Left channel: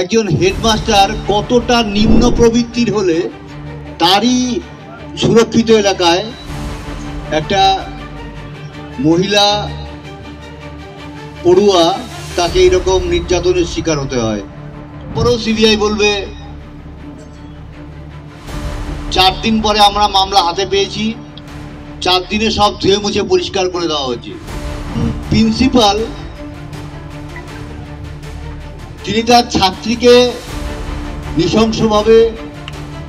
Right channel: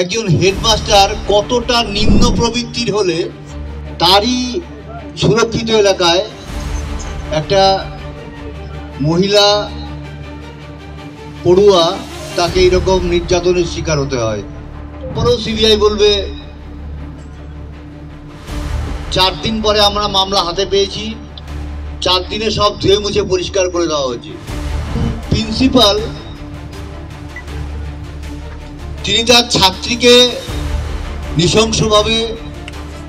একজন হেডমাস্টার কতটা নিম্ন প্রবৃত্তির হলে তারই সুরক্ষিত এলাকায় একটা মহিলা পড়ুয়া তাকে এরকম নির্যাতনের শিকার হতে হয়। পরেও সিবিআই বলবে 4 দিন পরে আমরা মামলা হাতে পেয়েছি, 4 দিনে সব ধুয়ে মুছে পরিষ্কার করে দেওয়া হয়েছে। প্রিন্সিপাল তিনি তার ছাত্রীকে নৃশংসভাবে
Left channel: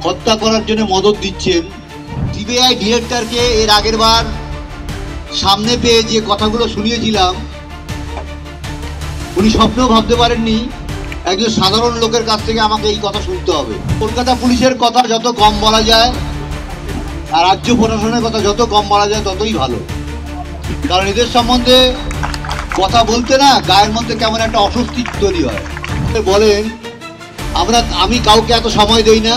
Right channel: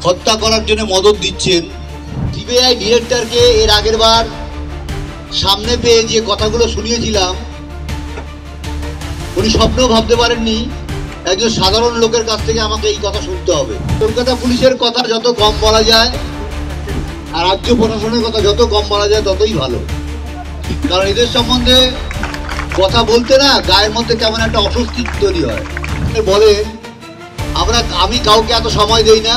হত্যা করার জন্য মদত দিচ্ছেন। সিবিআই ডিরেক্টরকে এর আগের বার সামনে পেয়ে যে কথাগুলো শুনিয়েছিলাম, উনি স্বপ্নেও ভাবতে পারেননি একজন সাধারণ লোকের কাছ থেকে আমাকে এই কথা শুনতে হবে। কলকাতা পুলিশের কথা যত কম বলা যায় আর রাজ্য প্রশাসনের কথা যত কম বলা যায় ততই ভালো, কারণ এদের সম্বন্ধে কথা বলতে না গায়ের মধ্যে কেমন একটা অস্বস্তি তৈরি হয়। বলেন আমি কাউকে এত সময় দেই না,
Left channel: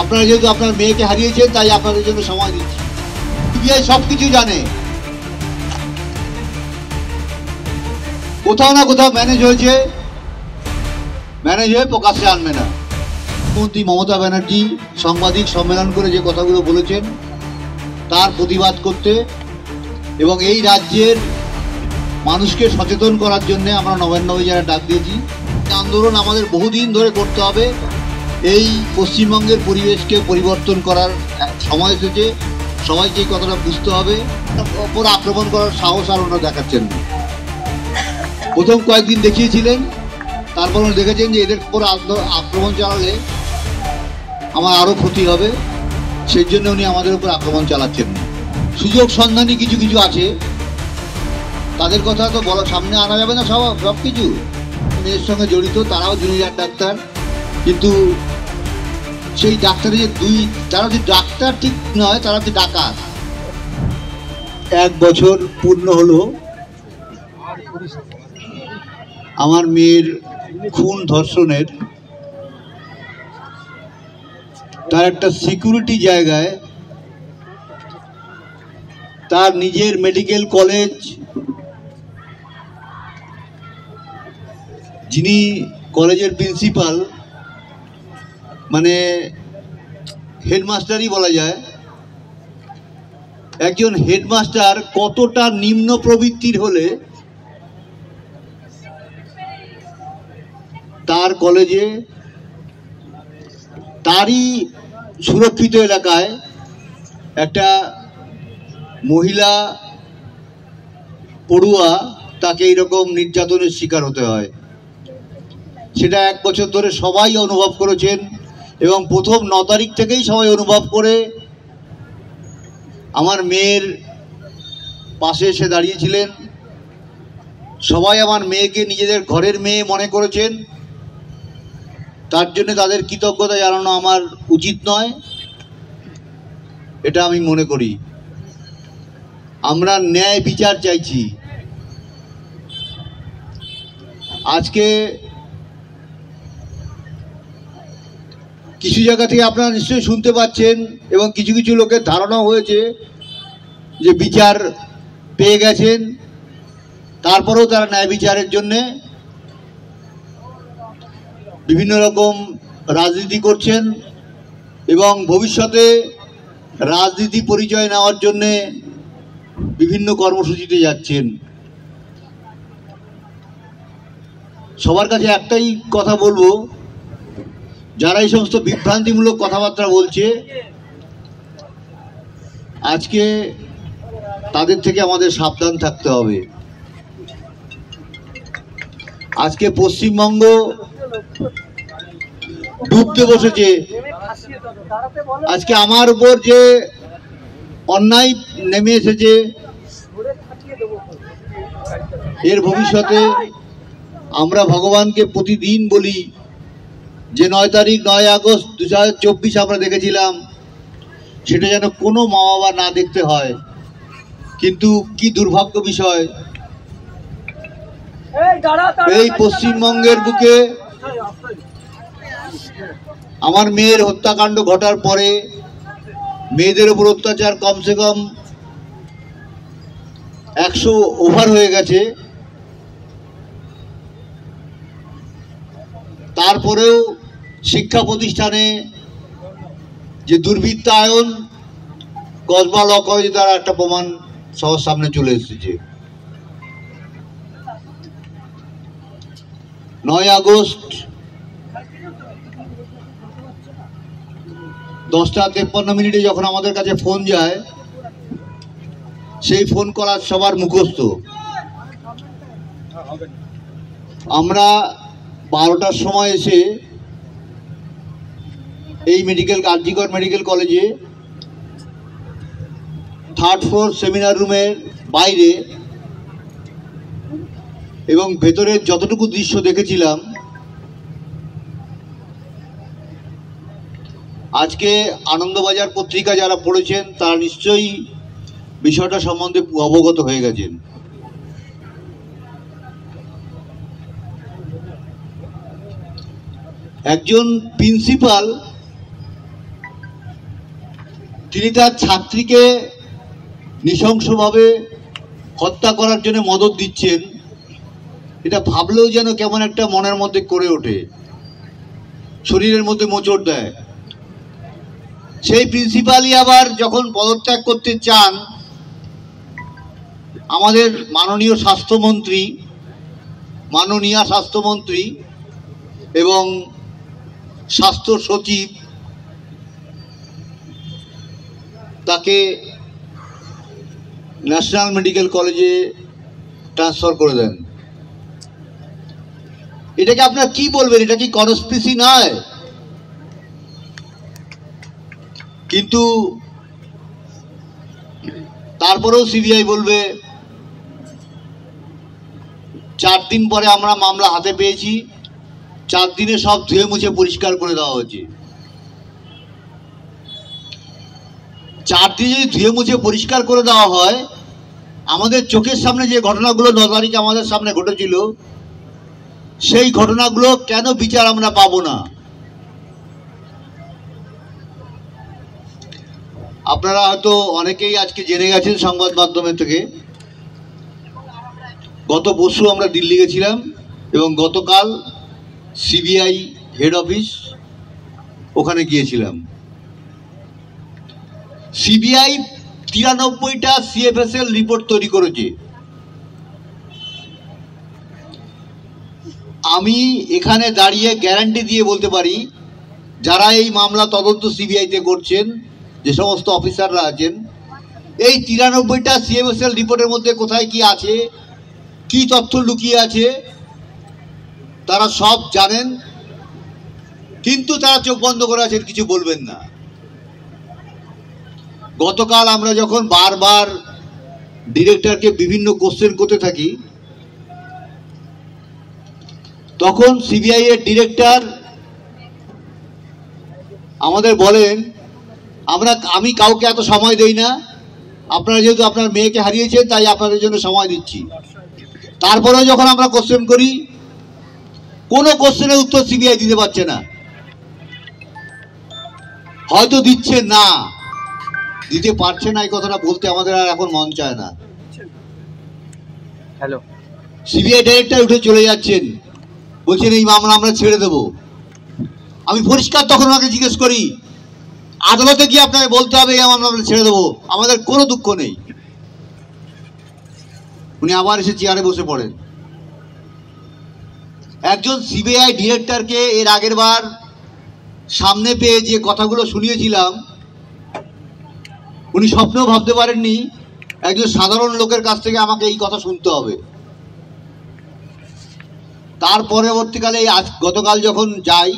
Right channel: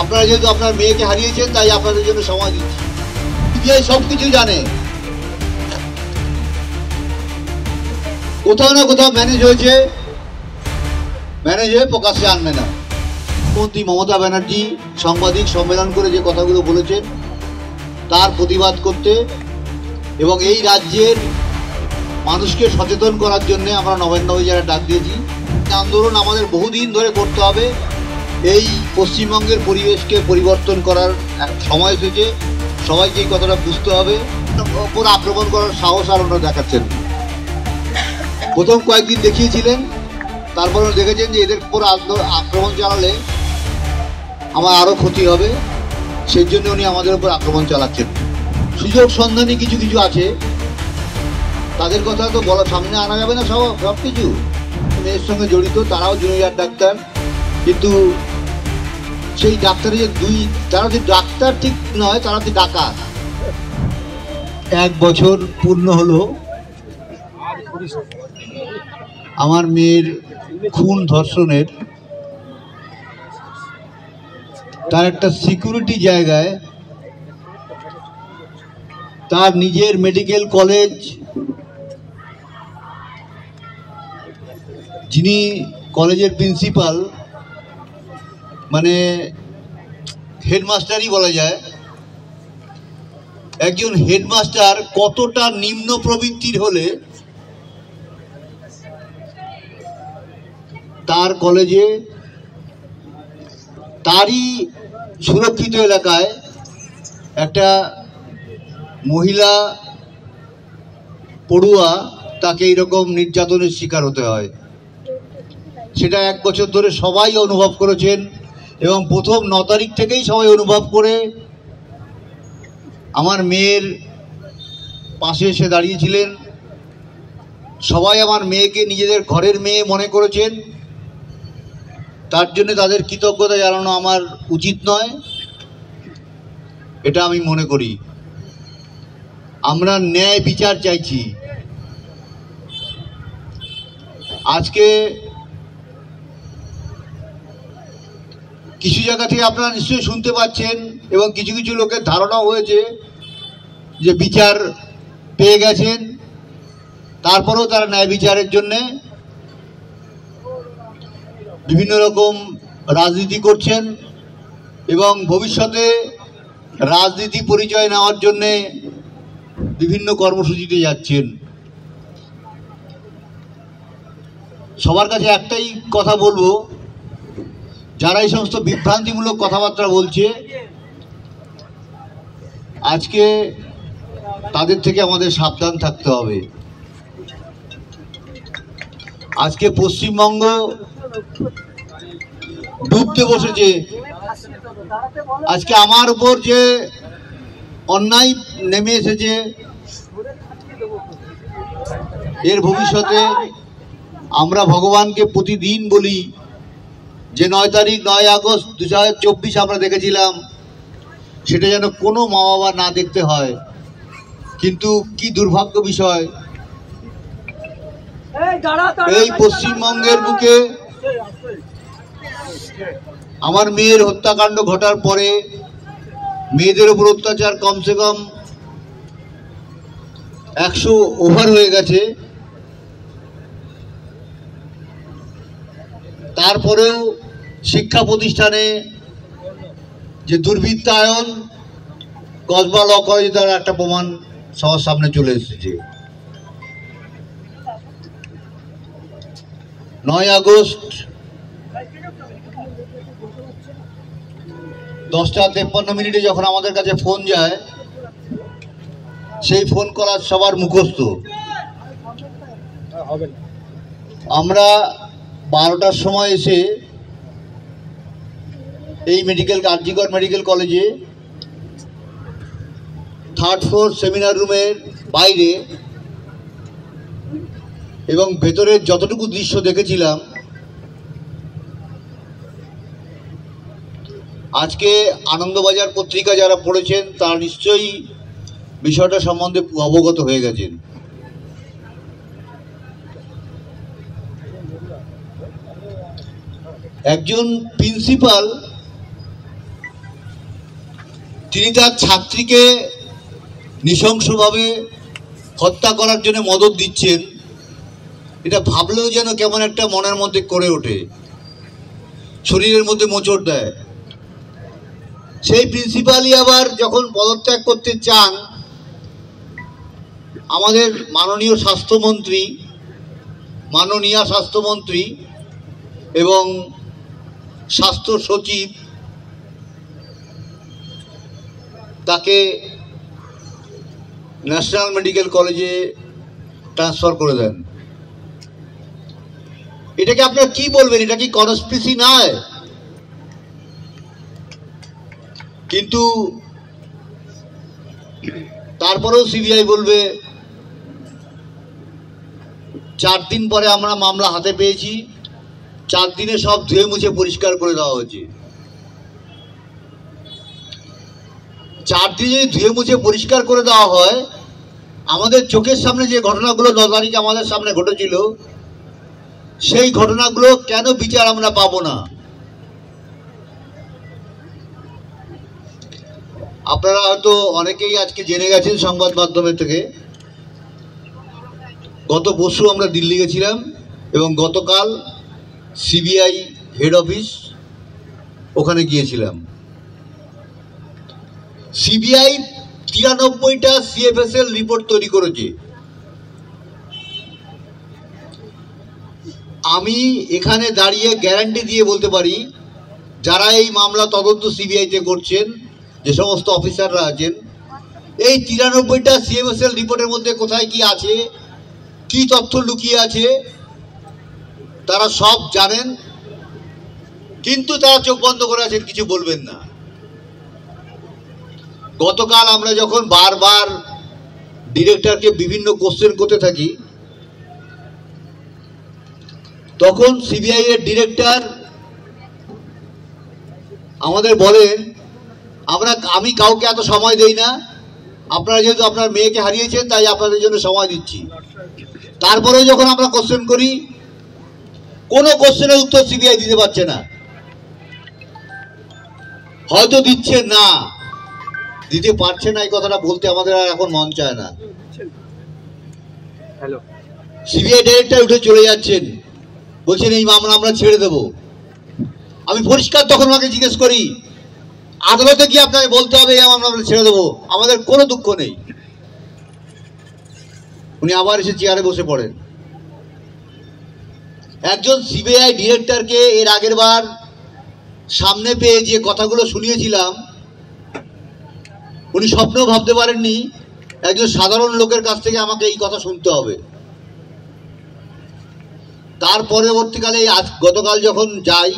আপনারা যেহেতু আপনার মেয়েকে হারিয়েছেন তাই আপনাদের জন্য সময় দিচ্ছি। সিবিআই সবকিছু জানে, কোথাও না কোথাও ম্যানেজ হয়েছে, ম্যানেজ হয়ে প্রকাশ্যে আনবে না। মুখ্যমন্ত্রী মমতা ব্যানার্জি সাংবাদিক সম্মেলন করে যে কথাগুলো বলেছেন তার প্রতিবাদ করতে এবং এই রাজ্যের মানুষকে সচেতন করার জন্য আমরা নবান্নভাবে যারা ডাক দিয়েছি। আন্দোলন আমাদের বহুদিন ধরে করতে হবে। এই পশ্চিমবঙ্গের পরিবেশকে পরিবর্তন করার সময় এসেছে, সবাইকে এই কথাটা বুঝতে হবে। ওপর আক্রমণ করার সাহস আর ওনারা দেখাচ্ছেন না। প্রথম কয়েকদিন দেখিয়েছিলেন, তারপর দেখেছেন যে এদের উপর আক্রমণ চালালে আমার আরও ক্ষতি হবে, সেই জন্য উনি আমাদের উপর আক্রমণ চালাচ্ছেন। সুযোগ সন্ধানী কিছু কিছু আছে, তাদের কথা তো বলা সামনে আনা যাবে না। সব কিছু মেয়ের সঙ্গে জড়িত, তারাও জুনিয়র ডাক্তার, কিন্তু সেই ডাক্তারে যে তারা যে ডাক্তার ঠিক নয়, তারা যে ডাকাত। 1 বছর পূর্ণ হলো আমার মেয়ের খুন ধর্ষণের। তার একটা সিকিউরিটি জায়গায় তার নিজের মেডিকেল কলেজ, যিনি কলেজের প্রিন্সিপাল মানে হেডমাস্টারই বলা যায়, একজন হেডমাস্টার কতটা নিম্ন প্রবৃত্তির হলে তার কলেজে তারই সুরক্ষিত এলাকায় একটা মহিলা পড়ুয়া তাকে এইরকম নির্যাতনের শিকার হতে হয়। সেটা 1 বছর ধরে সবাই অনুভব করেছেন এবং প্রথম 9 তারিখ থেকেই সবাই অনুভব করে আমার মেয়ের পাশে এসে দাঁড়িয়েছিলেন। সবাই আমার মেয়েকে নিজেদের ঘরের মেয়ে মনে করেছেন, তার জন্য তাদের কৃতজ্ঞতা জানানো আমার উচিত নয়, এটা আমি মনে করি। আমরা ন্যায় বিচার চাইছি। আজকে কিছু জায়গা থেকে আপনারা নিশ্চয়ই শুনতে পাচ্ছেন এবং কিছু কিছু লোকের ধারণা হয়েছে যে বিচার পেয়ে গেছেন, তারপরেও তারা ন্যায় বিচারের জন্যে বিভিন্ন রকম রাজনীতি করছেন এবং ভবিষ্যতে রাজনীতি পরিচয় নেওয়ার জন্যে বিভিন্ন কর্মসূচিতে যাচ্ছেন। সবার কাছে একটাই কথা বলবো, যারা এই সমস্ত বিভ্রান্তিমূলক কথাবার্তা বলছে আজকে তাদের থেকে আমাদের সাবধান থাকতে হবে। আজকে পশ্চিমবঙ্গ ডুবতে বসেছে। আজকে আমার উপর যে অন্যায় নেমে এসেছে, এর ভবিষ্যতে আমরা ভগবানকে প্রতিদিন বলি যে 9 আগস্ট 2024 আমরা দেখেছিলাম, সেটা যেন কোনো মা বাবা না দেখতে হয়। কিন্তু কি দুর্ভাগ্য বিষয়, এই পশ্চিমবঙ্গের বুকে আমার মেয়ের হত্যাকাণ্ড ঘটার পরে মেয়েদের উপর অত্যাচার কমসে কম 100 ওভার হয়ে গেছে। তারপরেও শিক্ষা প্রতিষ্ঠানে যে দুর্বৃত্তায়ন কসবা ল কলেজে তার একটা প্রমাণ সবার সামনে চলে এসেছে। 9 আগস্ট 10:53 যখন আমাদের কাছে ফোন যায়, সেই ফোন করার সবার মুখস্থ। আমরা 12টার সময় এসে এই আরজিকর মেডিকেল কলেজে 3rd ফ্লোর সেমিনার রুমের বাইরে এবং ভেতরের যতটুকু দৃশ্য দেখেছিলাম, আজকে আনন্দবাজার পত্রিকা যারা পড়েছেন তারা নিশ্চয়ই বিষয়টা সম্বন্ধে অবগত হয়ে গেছেন। একজন প্রিন্সিপাল তিনি তার ছাত্রীকে নৃশংসভাবে হত্যা করার জন্য মদত দিচ্ছেন, এটা ভাবলেও যেন কেমন একটা মনের মধ্যে করে ওঠে, শরীরের মধ্যে মোচড় দেয়। সেই প্রিন্সিপালই আবার যখন পদত্যাগ করতে চান, আমাদের মাননীয়া স্বাস্থ্যমন্ত্রী এবং স্বাস্থ্য সচিব তাকে ন্যাশনাল মেডিকেল কলেজে ট্রান্সফার করে দেন। এটাকে আপনারা কি বলবেন? এটা কি কনস্পিরেসি নয়? কিন্তু তারপরেও সিবিআই বলবে 4 দিন পরে আমরা মামলা হাতে পেয়েছি, 4 দিনে সব ধুয়ে মুছে পরিষ্কার করে দেওয়া হয়েছে। 4 দিনে যদি ধুয়ে মুছে পরিষ্কার করে দেওয়া হয়, আমাদের চোখের সামনে যে ঘটনাগুলো 9 তারিখে আমাদের সামনে ঘটেছিল, সেই ঘটনাগুলো কেন বিচার আমরা পাবো না? আপনারা হয়তো অনেকেই আজকে জেনে গেছেন সংবাদ মাধ্যমের থেকে, গত পরশু আমরা দিল্লি গেছিলাম এবং গতকাল সিবিআই হেড অফিস ওখানে গিয়েছিলাম। সিবিআই 93টা সিএফএসএল রিপোর্ট তৈরি করেছে। আমি এখানে দাঁড়িয়ে গ্যারান্টি দিয়ে বলতে পারি, যারা এই মামলা তদন্ত সিবিআইতে করছেন, যে সমস্ত অফিসাররা আছেন, এই 93টা সিএফএসএল রিপোর্টের মধ্যে কোথায় কি আছে, কি তথ্য লুকিয়ে আছে, তারা সব জানেন, কিন্তু তারা চোখ বন্ধ করে আছেন, কিছু বলবেন না। গতকাল আমরা যখন বারবার ডিরেক্টরকে বিভিন্ন কোশ্চেন করতে থাকি, তখন সিবিআই এর ডিরেক্টর আমাদের বলেন, আমি কাউকে এত সময় দেই না, আপনারা যেহেতু আপনার মেয়েকে হারিয়েছেন তাই আপনাদের জন্য সময় দিচ্ছি। তারপরেও যখন আমরা কোশ্চেন করি, কোনো কোশ্চেনের উত্তর সিবিআই দিতে পারছে না। হয়তো দিচ্ছে না, দিতে পারছে না, এই কথাটা বলতে আমাদের আর এখন মন চায় না। সিবিআই ডাইরেক্টর উঠে চলে যাচ্ছেন, বলছেন এই মামলা আমরা ছেড়ে দেব। আমি পরিষ্কার তখন ওনাকে জিজ্ঞেস করি, আদালতে গিয়ে আপনাকে বলতে হবে এই মামলা আমরা ছেড়ে দেবো, আমাদের কোনো দুঃখ নেই। উনি আবার এসে চেয়ারে বসে পড়েন। একজন সিবিআই ডিরেক্টরকে এর আগের বার সামনে পেয়ে যে কথাগুলো শুনিয়েছিলাম, উনি স্বপ্নেও ভাবতে পারেননি একজন সাধারণ লোকের কাছ থেকে আমাকে এই কথা শুনতে হবে। তার পরবর্তীকালে গতকাল যখন যাই,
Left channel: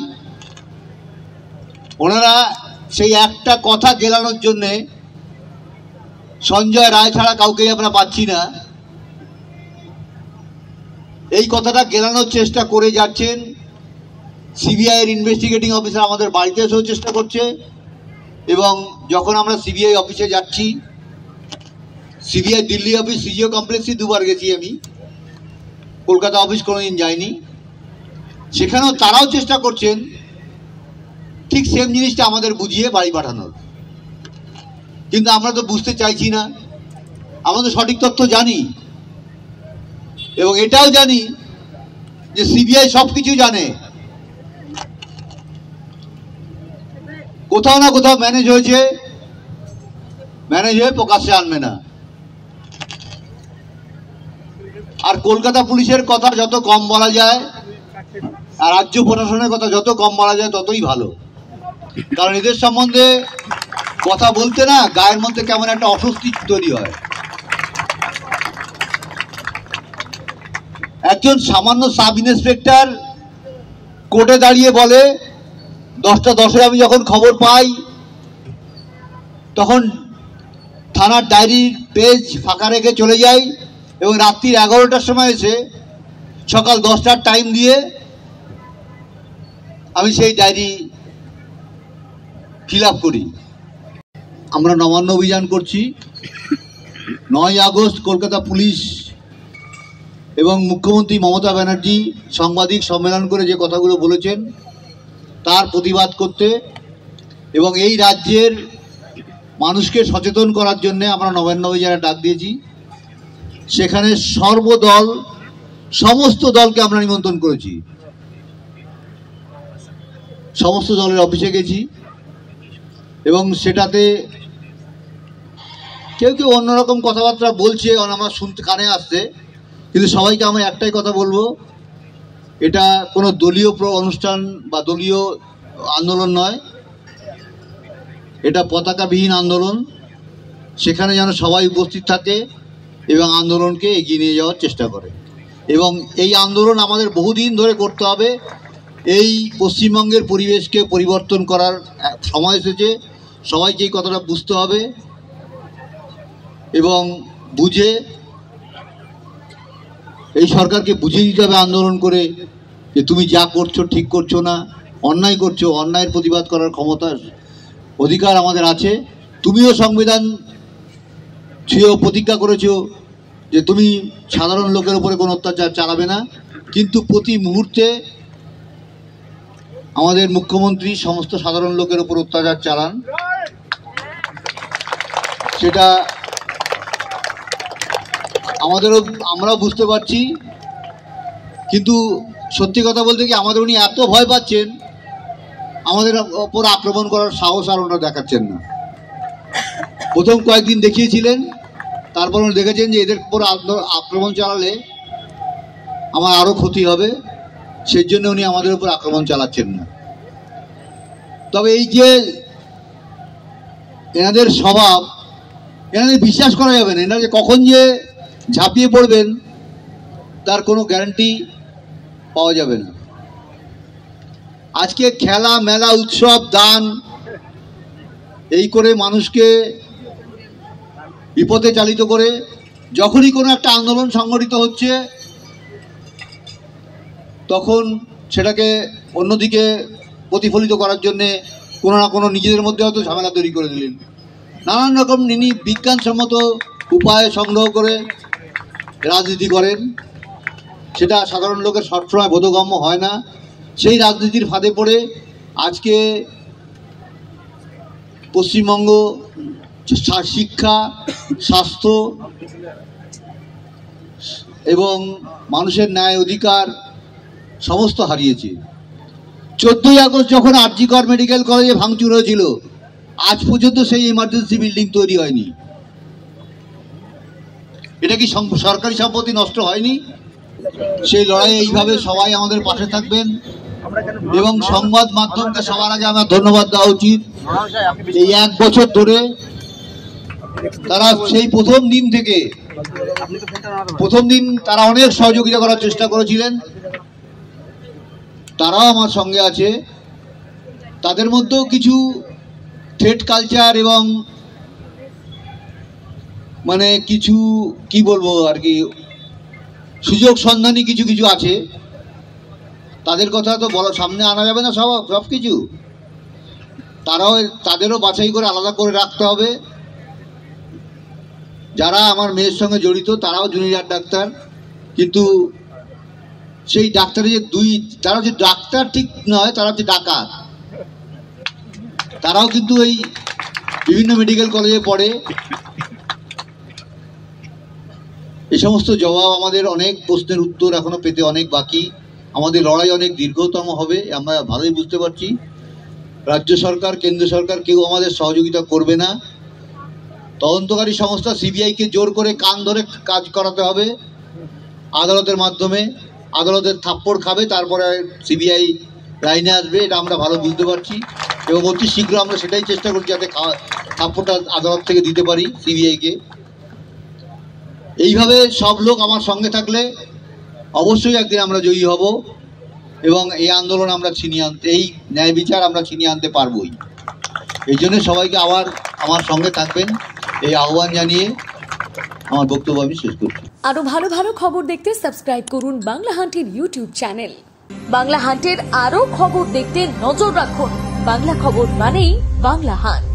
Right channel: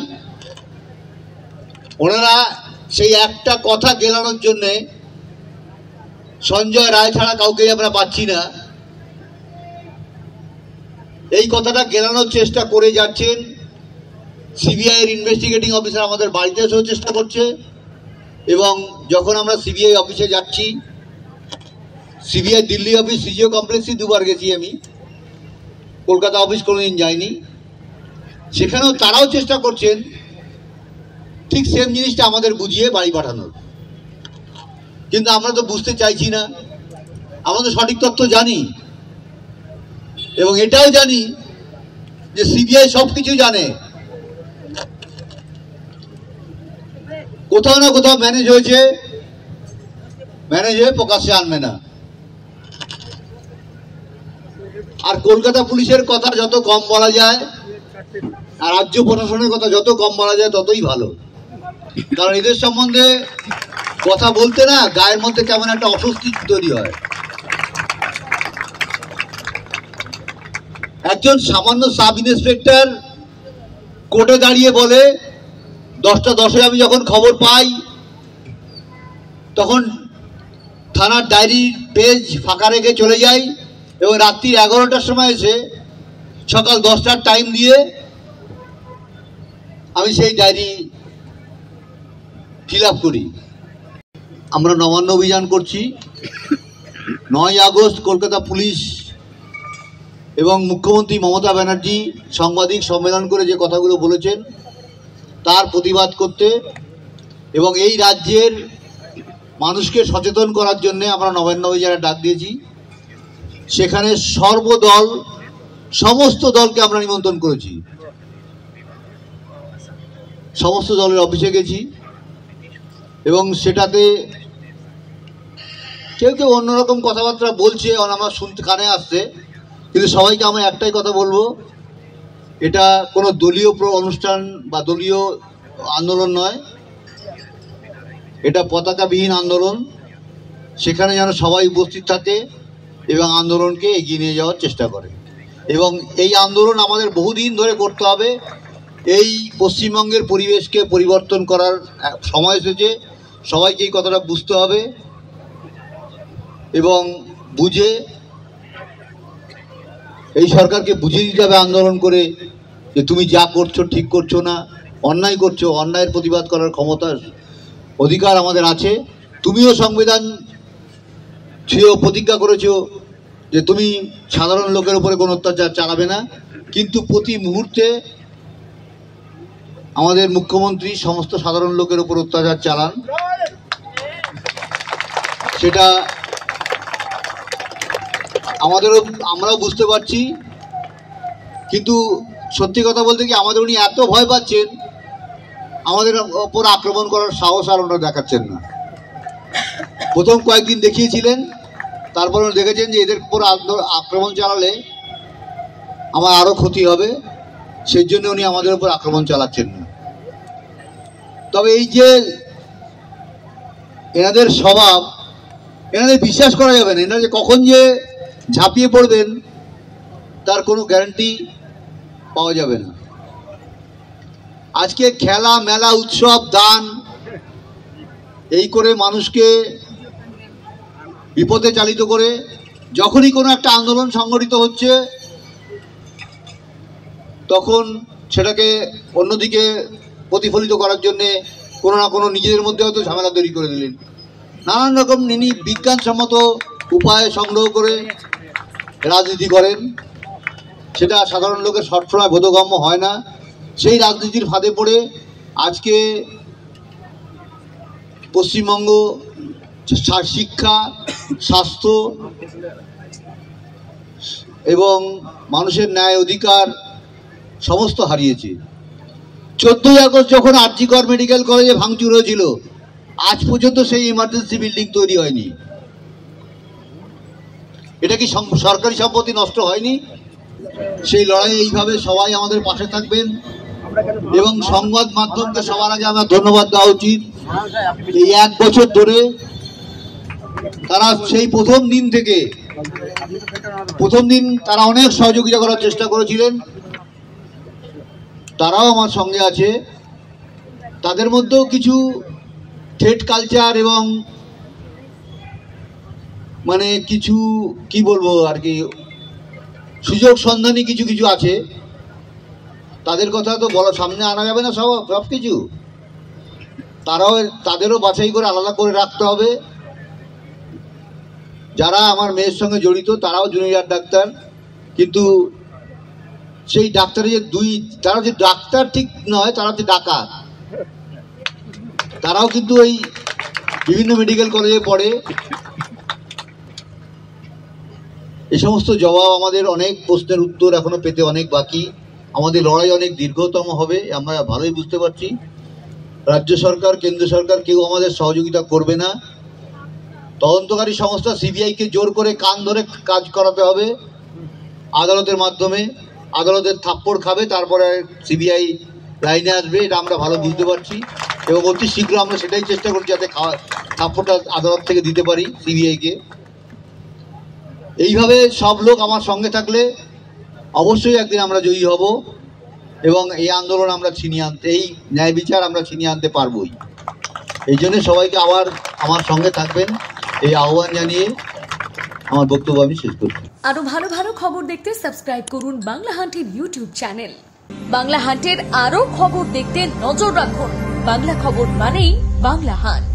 ওনারা সেই একটা কথা গেলানোর জন্যে, সঞ্জয় রায় ছাড়া কাউকেই আমরা পাচ্ছি না, এই কথাটা গেলানোর চেষ্টা করে যাচ্ছেন। সিবিআই এর ইনভেস্টিগেটিং অফিসার আমাদের বাড়িতে এসেও চেষ্টা করছে, এবং যখন আমরা সিবিআই অফিসে যাচ্ছি, সিবিআই দিল্লি অফিস সিজিও কমপ্লেক্সই 2বার গেছি আমি, কলকাতা অফিস কোনোদিন যাইনি, সেখানেও তারাও চেষ্টা করছেন ঠিক সেম জিনিসটা আমাদের বুঝিয়ে বাড়ি পাঠানোর। কিন্তু আমরা তো বুঝতে চাইছি না। আমরা তো সঠিক তথ্য জানি, এবং এটাও জানি যে সিবিআই সব কিছু জানে, কোথাও না কোথাও ম্যানেজ হয়ে প্রকাশ্যে আনবে না। আর কলকাতা পুলিশের কথা যত কম বলা যায় আর রাজ্য প্রশাসনের কথা যত কম বলা যায় ততই ভালো, কারণ এদের সম্বন্ধে কথা বলতে না গায়ের মধ্যে কেমন একটা অস্বস্তি তৈরি হয়। একজন সামান্য সাব ইন্সপেক্টর কোর্টে দাঁড়িয়ে বলে 10টা 10-এ আমি যখন খবর পাই তখন থানার ডায়েরির পেজ ফাঁকা রেখে চলে যাই এবং রাত্রি 11টার সময় এসে সকাল 10টার টাইম দিয়ে আমি সেই ডায়েরি ফিল আপ করি। আমরা নবান্ন অভিযান করছি। 9ই আগস্ট কলকাতা পুলিশ এবং মুখ্যমন্ত্রী মমতা ব্যানার্জি সাংবাদিক সম্মেলন করে যে কথাগুলো বলেছেন তার প্রতিবাদ করতে এবং এই রাজ্যের মানুষকে সচেতন করার জন্য আমরা নবান্ন অভিযানে ডাক দিয়েছি। সেখানে সমস্ত দলকে আমরা নিমন্ত্রণ করেছি। সমস্ত দলের অফিসে গেছি এবং সেটাতে কেউ অন্যরকম কথাবার্তা বলছে, আমার শুনতে কানে আসছে, কিন্তু সবাইকে আমরা একটাই কথা বলবো, এটা কোনো দলীয় অনুষ্ঠান বা দলীয় আন্দোলন নয়, এটা পতাকাবিহীন আন্দোলন। সেখানে যেন সবাই উপস্থিত থাকে এবং আন্দোলনকে এগিয়ে নিয়ে যাওয়ার চেষ্টা করে। এবং এই আন্দোলন আমাদের বহুদিন ধরে করতে হবে। এই পশ্চিমবঙ্গের পরিবেশকে পরিবর্তন করার সময় এসেছে। সবাইকে এই কথাটা বুঝতে হবে এবং বুঝে এই সরকারকে বুঝিয়ে দিতে হবে আন্দোলন করে যে তুমি যা করছো ঠিক করছো না, অন্যায় করছো, অন্যায়ের প্রতিবাদ করার ক্ষমতার অধিকার আমাদের আছে। তুমিও সংবিধান ছুঁয়েও প্রতিজ্ঞা করেছো যে তুমি সাধারণ লোকের উপরে কোনো অত্যাচার চালাবে না, কিন্তু প্রতি মুহূর্তে আমাদের মুখ্যমন্ত্রী সমস্ত সাধারণ লোকের উপর অত্যাচার চালান। সেটা আমরাও বুঝতে পারছি, কিন্তু সত্যি কথা বলতে কি আমাদের উনি এত ভয় পাচ্ছেন, আমাদের ওপর আক্রমণ করার সাহস আর ওনারা দেখাচ্ছেন না। প্রথম কয়েকদিন দেখিয়েছিলেন, তারপর উনি দেখেছেন যে এদের উপর আক্রমণ চালালে আমার আরও ক্ষতি হবে, সেই জন্য উনি আমাদের উপর আক্রমণ চালাচ্ছেন না। তবে এই যে এনাদের স্বভাব, এনাদের বিশ্বাস করা যাবে না। এনারা যে কখন যে ঝাঁপিয়ে পড়বেন তার কোনো গ্যারান্টি পাওয়া যাবে না। আজকে খেলা মেলা উৎসব দান এই করে মানুষকে বিপদে চালিত করে যখনই কোনো একটা আন্দোলন সংগঠিত হচ্ছে তখন সেটাকে অন্যদিকে প্রতিফলিত করার জন্যে কোনো না কোনো নিজেদের মধ্যে হয়তো ঝামেলা তৈরি করে দিলেন। নানান রকম বিজ্ঞানসম্মত উপায় সংগ্রহ করে রাজনীতি করেন, সেটা সাধারণ লোকের সবসময় বোধগম্য হয় না। সেই রাজনীতির ফাঁদে পড়ে আজকে পশ্চিমবঙ্গ শিক্ষা, স্বাস্থ্য এবং মানুষের ন্যায় অধিকার সমস্ত হারিয়েছে। 14ই আগস্ট যখন আর.জি. কর মেডিকেল কলেজে ভাঙচুর হয়েছিল, আজ পর্যন্ত সেই ইমার্জেন্সি বিল্ডিং তৈরি হয়নি। এটা কি সরকারি সম্পত্তি নষ্ট হয়নি? সেই লড়াইয়ে এইভাবে সবাই আমাদের পাশে থাকবেন এবং সংবাদ মাধ্যমকে সবার আগে আমার ধন্যবাদ দেওয়া উচিত। এই 1 বছর ধরে তারা সেই প্রথম দিন তারা অনেক সহযোগিতা করার চেষ্টা করেছিলেন। তারাও আমার সঙ্গে আছে। তাদের মধ্যেও কিছু থ্রেট কালচার এবং মানে কিছু কি বলবো আর কি সুযোগ সন্ধানী কিছু আছে। তাদের কথা তো সামনে আনা যাবে না সব কিছু। তাদেরও বাছাই করে আলাদা করে রাখতে হবে। যারা আমার মেয়ের সঙ্গে জড়িত তারাও জুনিয়র ডাক্তার, কিন্তু সেই ডাক্তারে যে তারা যে ডাক্তার ঠিক নয়, তারা হচ্ছে ডাকাত। তারাও কিন্তু এই বিভিন্ন মেডিকেল কলেজে পড়ে। এই সমস্ত জবাব আমাদের, অনেক প্রশ্নের উত্তর এখনো পেতে অনেক বাকি। আমাদের লড়াই অনেক দীর্ঘতম হবে, আমরা ভালোই বুঝতে পারছি। রাজ্য সরকার, কেন্দ্র সরকার কেউ আমাদের সহযোগিতা করবে না। তদন্তকারী সংস্থা সিবিআইকে জোর করে কান ধরে কাজ করাতে হবে আদালতের মাধ্যমে। আদালতের থাপ্পড় খাবে, তারপরে সিবিআই লাইনে আসবে, এটা আমরা ভালো বুঝতে পারছি এবং অতি শীঘ্র আমরা সেটাই চেষ্টা করছি যাতে থাপ্পড়টা আদালত থেকে দিতে পারি সিবিআইকে। এইভাবে সব লোক আমার সঙ্গে থাকলে অবশ্যই একদিন আমরা জয়ী হব এবং এই আন্দোলন আমরা ছিনিয়ে আনতে, এই ন্যায় বিচার আমরা ছিনিয়ে আনতে পারবই। এই জন্য সবাইকে আবার আমার সঙ্গে থাকবেন এই আহ্বান জানিয়ে আমার বক্তব্য আমি শেষ করছি। আরো ভালো ভালো খবর দেখতে সাবস্ক্রাইব করুন বাংলা হান্টের ইউটিউব চ্যানেল। বাংলা হান্টের আরো খবর দেখতে নজর রাখুন। বাংলা খবর মানেই বাংলা হান্ট।